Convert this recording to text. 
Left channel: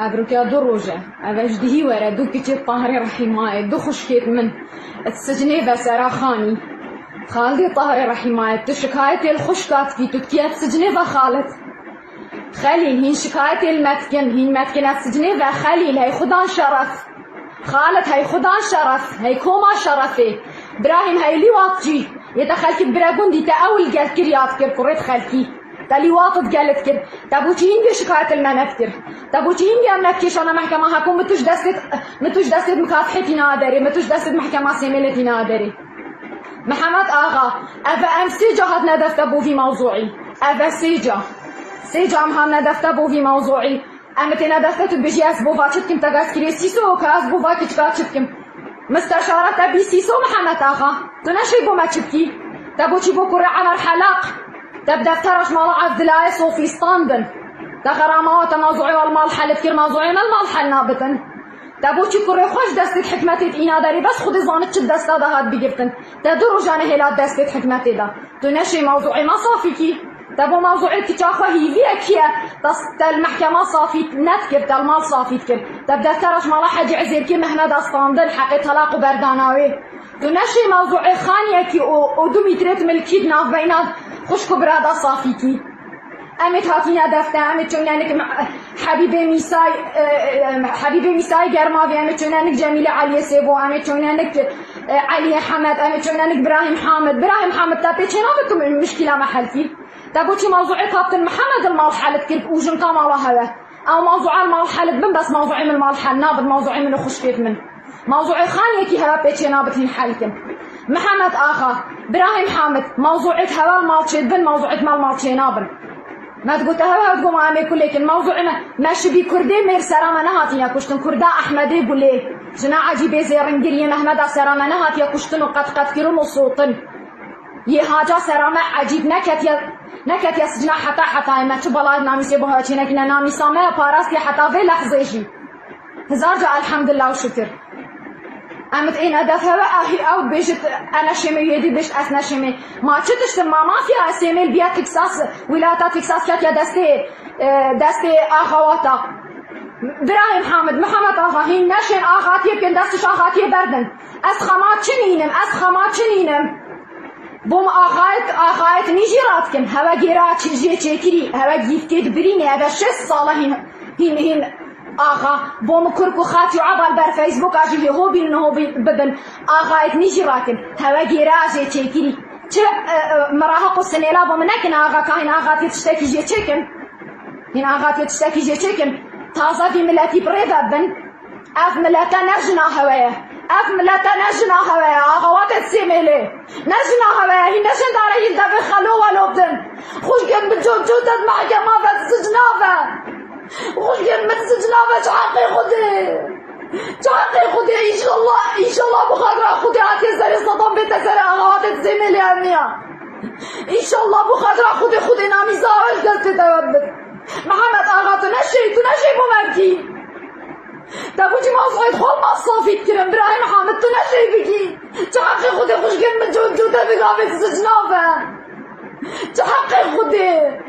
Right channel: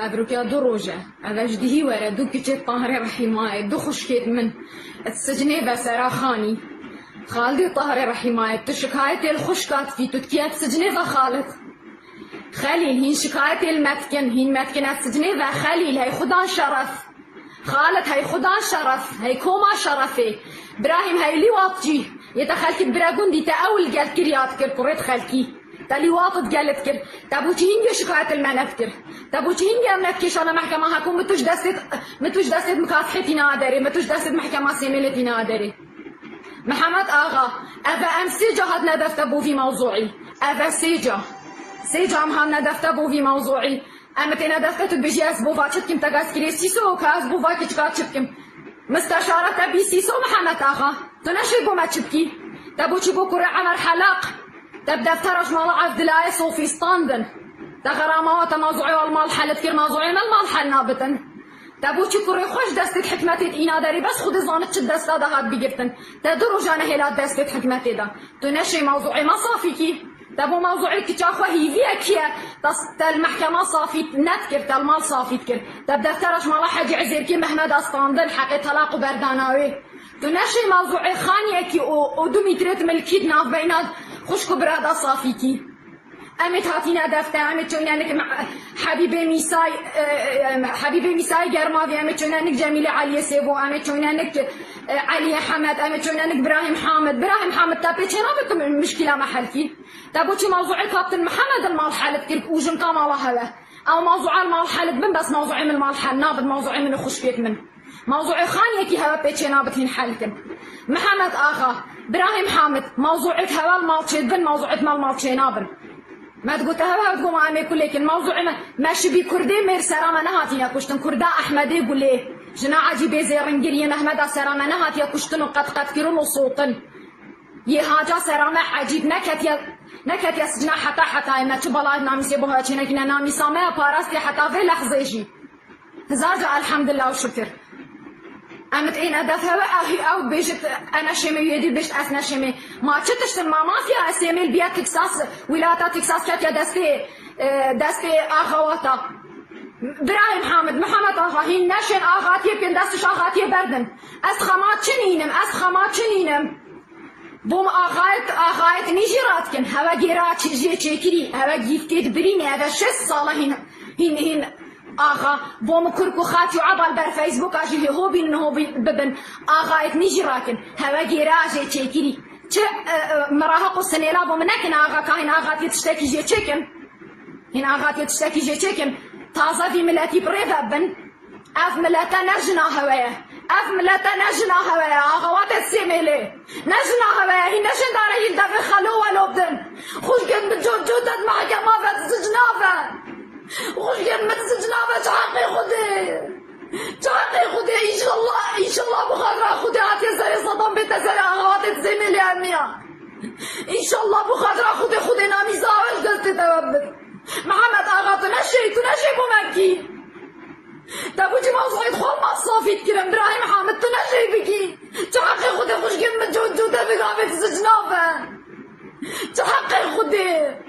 أبركا دروجة أبرش دهي ورا دو كتير طاهري رحماي دو خشكيت من السجني بسرا خاني خالدي طاهري رحماي تشكايتي الخشكات في تكتيات سجني خالد خليل هين شكايتي المتكن هين متكن السجني خليل هي خدان شرف خالد هي خدان شرف هي كوما شرفي براهيم هي لي واطجي يتخلكي براغون دي تأول قال كريات كر كريت خلكي تالي واطد قالت كر تابوتين دي شكاية المنفتر تابوتين دي أمكيش أنا محكمة هكون متوش دست مكافحتي نادري متوش دست محكمة سيميلتي نادري محمد آغا أذا أم سيجا هاد ندفت أبو في موضوعي أذا سيجا أم ندفت أبو في موضوعي أنا كنا دفت بيجي أسبوفا تشتكم تقاس كري سيسو وكأسبوفا كتكا تشتكم مستشارة أبي سيسو محمد آغا تنشي بو ما تشتكي تبوشي بو كرة عمر حلاق تبدأ تكرش مال عبد الله صوفي ستاندن تغرامات موضوعي والمال حل كثير موضوعي ما المال حل نابتن تبوشي كرة خوش دستت حكمتي إينا داري بس خذي زانت شد دستا ده هاد بيجرتن تدرو جانه هلا دستت حكمتي ده تنشي موضوعي ما صافيكي تبو موضوعي كتاخا هيفيا كيا المحكمة صافي نتكر تالمال صافي تكر تبدأ تكرش مال حاج عزيركي محمد ستاندن حقي طلاق وبرداناوي تنشي موضوعي خانيكي ودومي تريت ملكيد ناف بينات خوشكو برادا صافيكي أمت هاتينا دفتا أمت تونانك حبيبي ميساي جرماوي أمت تونانك جميلة علي سيبو أمت تونانك علي حمد أمت تونانك براهيم حامد تابي تشينا بكم المشكلة محلتي تابوتي موضوعي كابتن محمد المال حالت كيف وجن كامالا هوا أو موضوع المال حالت من بس موضوعي من المال حال نابد موضوعي من خشكيت من موضوعي خانيكي هوا بيتشي نابتين حالتن محمد آخا براهيم حامد موضوعك هوا المالتشي بن موضوعك مالتشي نابن ما تقول هوا تقوم عامي كلك الموضوع ماشي بي كردي مير سرامة نهاتينا كشتن كردا أحمدي قولي جنا عجيبي زيرنجريين أحمد سرامة نهاتيا كشتن وقد كيرون وصوتن يهاجا سرامة عجيب نكت يا سجنا حتى ما تبلا نامي سيبوها تشينكنا نامي سامة باراس حتى في لحظة يجي زارجا الحمد لله وشكر أمت إن أدفها أخي أو بيجت أنا شمي يدي بيجت أثنا شمي ما تشتش ما فيها أسيميل بيا تكساس ولاية تكساس كاتيا دستي أخواتا براهيم حامد محمد آخا هين نشين آخاتي كن دستش آخاتي بردن أسخامات شنينم بوم آخايت نيجيرات كن هوا جيرات شجية شكري هوا جيفتيد بريني هذا 6 صالة هين آخا بوم كركو خاتي عبر بر فيسبوك أجي هو ببن آخايت نيجيراكن هوا جيراجي تشكري مراهق السنيلا بوم نكن آخا كاين آخاتي تشتكي جي تشكن هين آخاتي تشتكي جي تشكن تازا في ملاتي بريدا بن أف ملاتا نرجنا هوايا أخوات السيميلي نرجنا هوايا هي نرجن داري يلدفع خلوة لوبدن خوش كن بجوجودت محكمة فتسجنافة خوش كن بتسجنافة شحقي خدي إن شاء الله بخاطر خدي عتزري صدام بتسري أخوات السيميلي أمية إن شاء الله بخاطر خدي نامي ساوي دست توبت محمد آغا تنشي ممكن تابوتي ما صايد خول ما صافيت كلام براهيم حامد تنشي بكي تحقي خدي خوش كلمة جودة في غابة الزجنافة تحقي خدي